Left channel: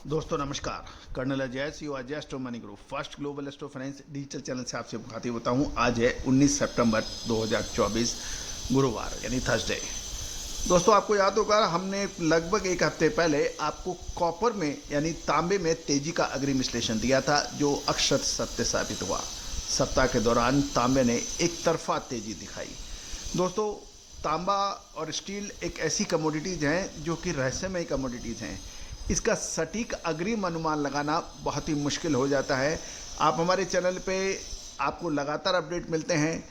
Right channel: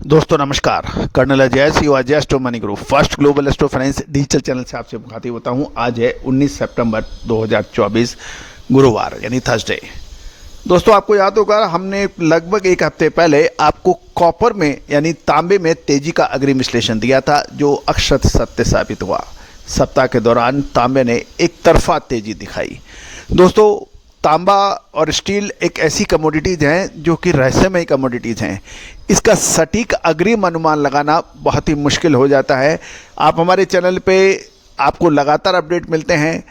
दोस्तों नमस्कार। Colonel Ajay C Ajay astro money group first global astro finance digital channel से आपसे मुखातिब होता हूं। आज है 19 सितंबर 2024 गुरुवार यानी थर्सडे। दोस्तों आपको याद होगा हमने लगभग एक हफ्ते पहले आपको कॉपर में यानी तांबे में तेजी का अग्रिम विश्लेषण दिया था, जो अक्षत सत्य साबित हुआ। सप्ताह के दौरान तांबे ने एक तरफा तेजी दिखाई। दोस्तों तांबा और स्टील एक ऐसी कमोडिटीज़ हैं जो कि रहस्यमय कमोडिटीज़ हैं। इसका सटीक अग्रिम अनुमान लगाना बहुत ही मुश्किल हो जाता है। आप हमारे चैनल पे आपको लगातार अपडेट मिलते हैं,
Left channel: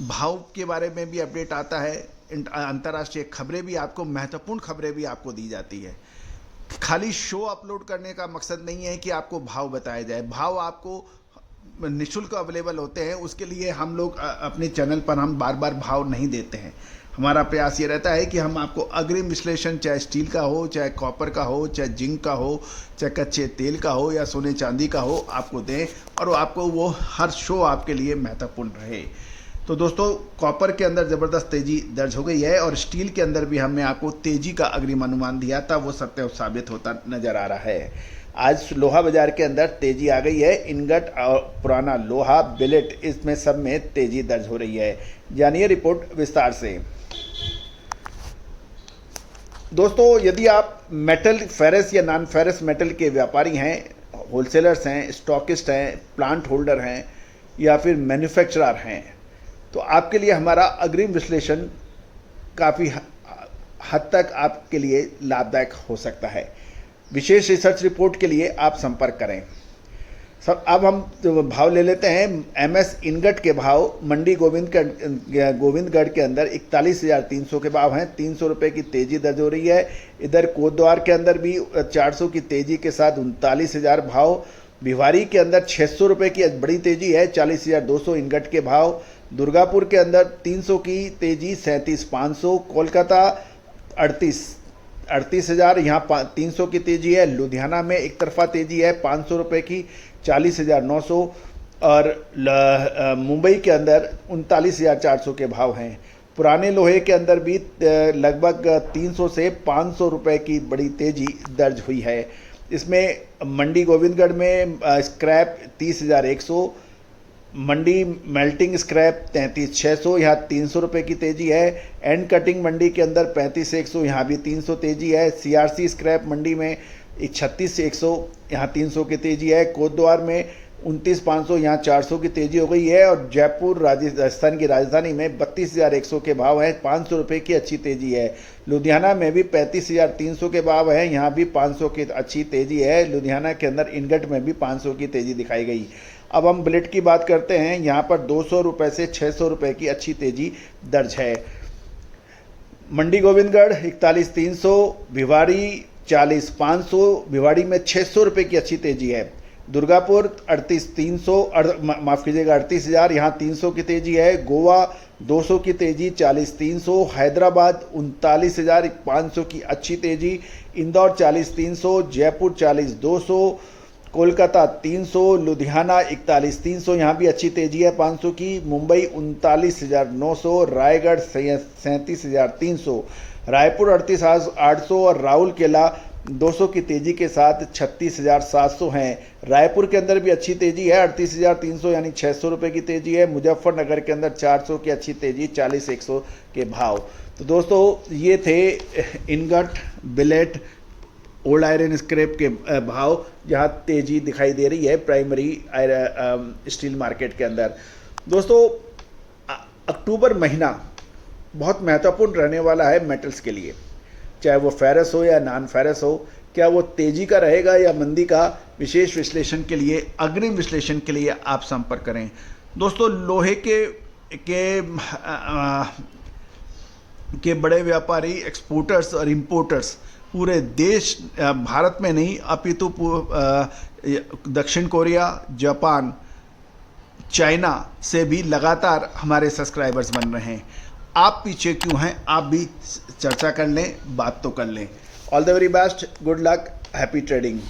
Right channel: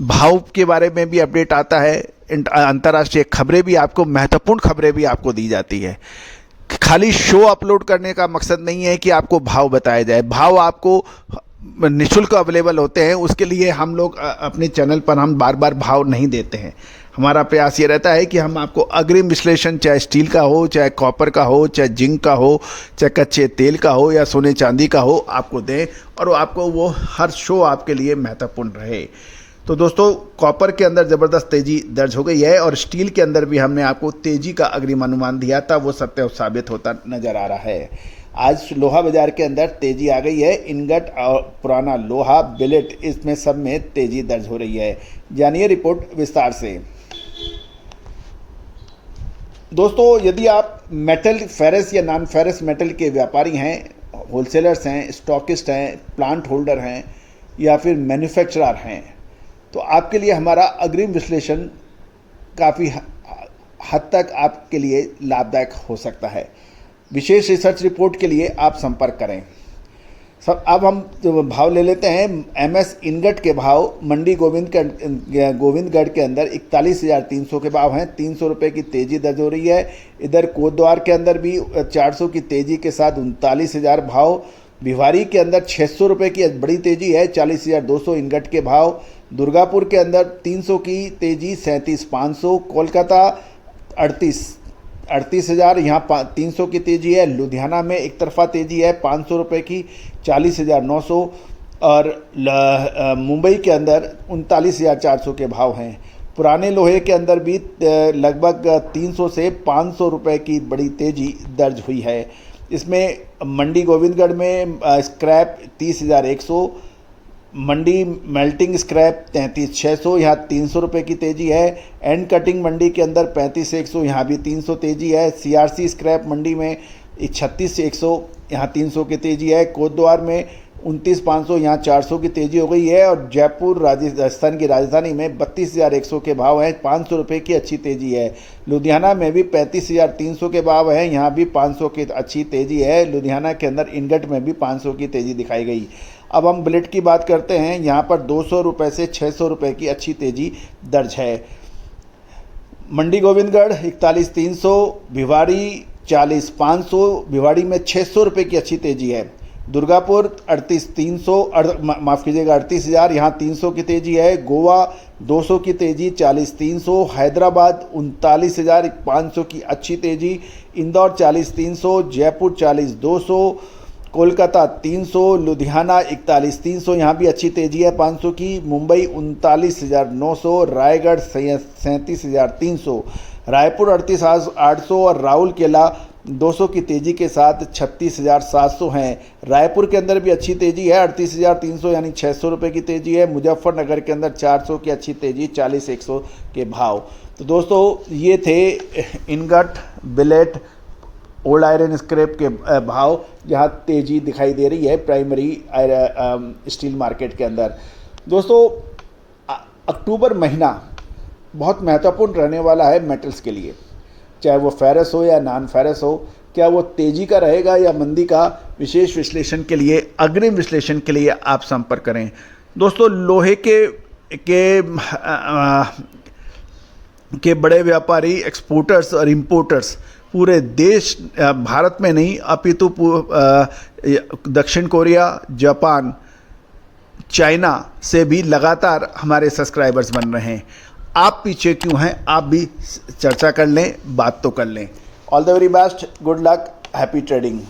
भाव के बारे में भी अपडेट आता है, अंतर्राष्ट्रीय खबरें भी आपको, महत्वपूर्ण खबरें भी आपको दी जाती है। खाली शो अपलोड करने का मकसद नहीं है कि आपको भाव बताया जाए। भाव आपको निःशुल्क अवेलेबल होते हैं, उसके लिए हम लोग अपने चैनल पर हम बार बार भाव नहीं देते हैं। हमारा प्रयास ये रहता है कि हम आपको अग्रिम विश्लेषण, चाहे स्टील का हो, चाहे कॉपर का हो, चाहे जिंक का हो, चाहे कच्चे तेल का हो या सोने चांदी का हो, आपको दें और आपको वो हर शो आपके लिए महत्वपूर्ण रहे। तो दोस्तों कॉपर के अंदर ज़बरदस्त तेज़ी दर्ज हो गई है और स्टील के अंदर भी हमने आपको तेज़ी का अग्रिम अनुमान दिया था, वो सत्य साबित होता नज़र आ रहा है। आज लोहा बाजार के अंदर तेज़ी आ गई है। इनगट और पुराना लोहा, बिलेट, इसमें सब में तेज़ी दर्ज हो रही है। जानिए रिपोर्ट विस्तार से। दोस्तों यदि आप मेटल, फेरस या नॉन फेरस मेटल के व्यापारी हैं, होलसेलर्स हैं, स्टॉकिस्ट हैं, प्लांट होल्डर हैं या फिर मैन्युफैक्चरर हैं, तो आपके लिए हमारा अग्रिम विश्लेषण काफ़ी हद तक आपके लिए लाभदायक हो सकता है। विशेष रिसर्च रिपोर्ट के लिए आप संपर्क करें। सब अब हम भाव ले लेते हैं। एमएस इनगट के भाव मंडी गोविंदगढ़ के अंदर 41,300 के भाव हैं। 300 रुपये की तेज़ी दर्ज हो रही है। इधर कोटद्वार के अंदर भी 400 की तेज़ी के साथ 39,000 भाव। भिवारी के अंदर 600 रुपये की बड़ी तेज़ी है, 40,200 इनगट के भाव। दुर्गापुर के अंदर 300 की तेज़ी, 37,500। कोलकाता 38,000, यहाँ 300 की तेज़ी है। लुधियाना में एक तरफा तेज़ी है 500 रुपये की, 40,900। और मुंबई के अंदर 39,400 के भाव हैं। पुराने लोहे के अंदर भी लगभग 300 से 500 रुपये की बड़ी तेज़ी दर्ज हुई है। इसमें मंडी गोविंदगढ़ में स्क्रैप 30,100, मंडी मेल्टिंग स्क्रैप 33,600, यहाँ 300 रुपये की तेज़ी है। एंड कटिंग मंडी के अंदर 35,100, यहाँ भी 300 तेज़ी है। सीआरसी स्क्रैप मंडी में 36,100, यहाँ 300 की तेज़ी है। कोटद्वार में 29,500, यहाँ 400 की तेज़ी हो गई है। और जयपुर राजस्थान की राजधानी में 32,100 के भाव हैं, 500 रुपये की अच्छी तेज़ी है। लुधियाना में भी 35,300 के भाव हैं, यहाँ भी 500 की अच्छी तेज़ी है। लुधियाना के अंदर इनगट में भी 500 की तेज़ी दिखाई गई। अब हम बिलेट की बात करते हैं। यहाँ पर 200 रुपये से 600 रुपये की अच्छी तेज़ी दर्ज है। मंडी गोविंदगढ़ 41,300, भिवाड़ी 40,500, भिवाड़ी में 600 रुपये की अच्छी तेज़ी है। दुर्गापुर 38,300, माफ़ कीजिएगा 38,000, यहाँ 300 की तेज़ी है। गोवा 200 की तेज़ी, 40,300। हैदराबाद 39,500 की अच्छी तेज़ी। इंदौर 40,300, जयपुर 40,200, कोलकाता 300, लुधियाना 41,300, यहाँ भी अच्छी तेज़ी है 500 की। मुंबई 39,900, रायगढ़ 37,300, रायपुर 38,800 और राउरकेला 200 की तेज़ी के साथ 36,700 हैं। रायपुर के अंदर भी अच्छी तेज़ी है 38,300, यानी 600 रुपये की तेज़ी है। मुजफ्फरनगर के अंदर 400 की अच्छी तेज़ी, 40,100 के भाव। तो दोस्तों ये थे ingot, billet, old iron scrap के भाव, जहाँ तेज़ी दिखाई दे रही है प्राइमरी स्टील मार्केट के अंदर। दोस्तों अक्टूबर महीना बहुत महत्वपूर्ण रहने वाला है मेटल्स के लिए, चाहे वो फेरस हो या नॉन फेरस हो। क्या वो तेज़ी का रहेगा या मंदी का? विशेष विश्लेषण के लिए, अग्रिम विश्लेषण के लिए आप संपर्क करें। दोस्तों लोहे के बड़े व्यापारी, एक्सपोर्टर्स और इंपोर्टर्स पूरे देश, भारत में नहीं अपितु दक्षिण कोरिया, जापान, चाइना से भी लगातार हमारे सब्सक्राइबर्स बन रहे हैं। आप पीछे क्यों हैं? आप भी चर्चा कर लें, बात तो कर लें। All the very best, good luck, happy trading.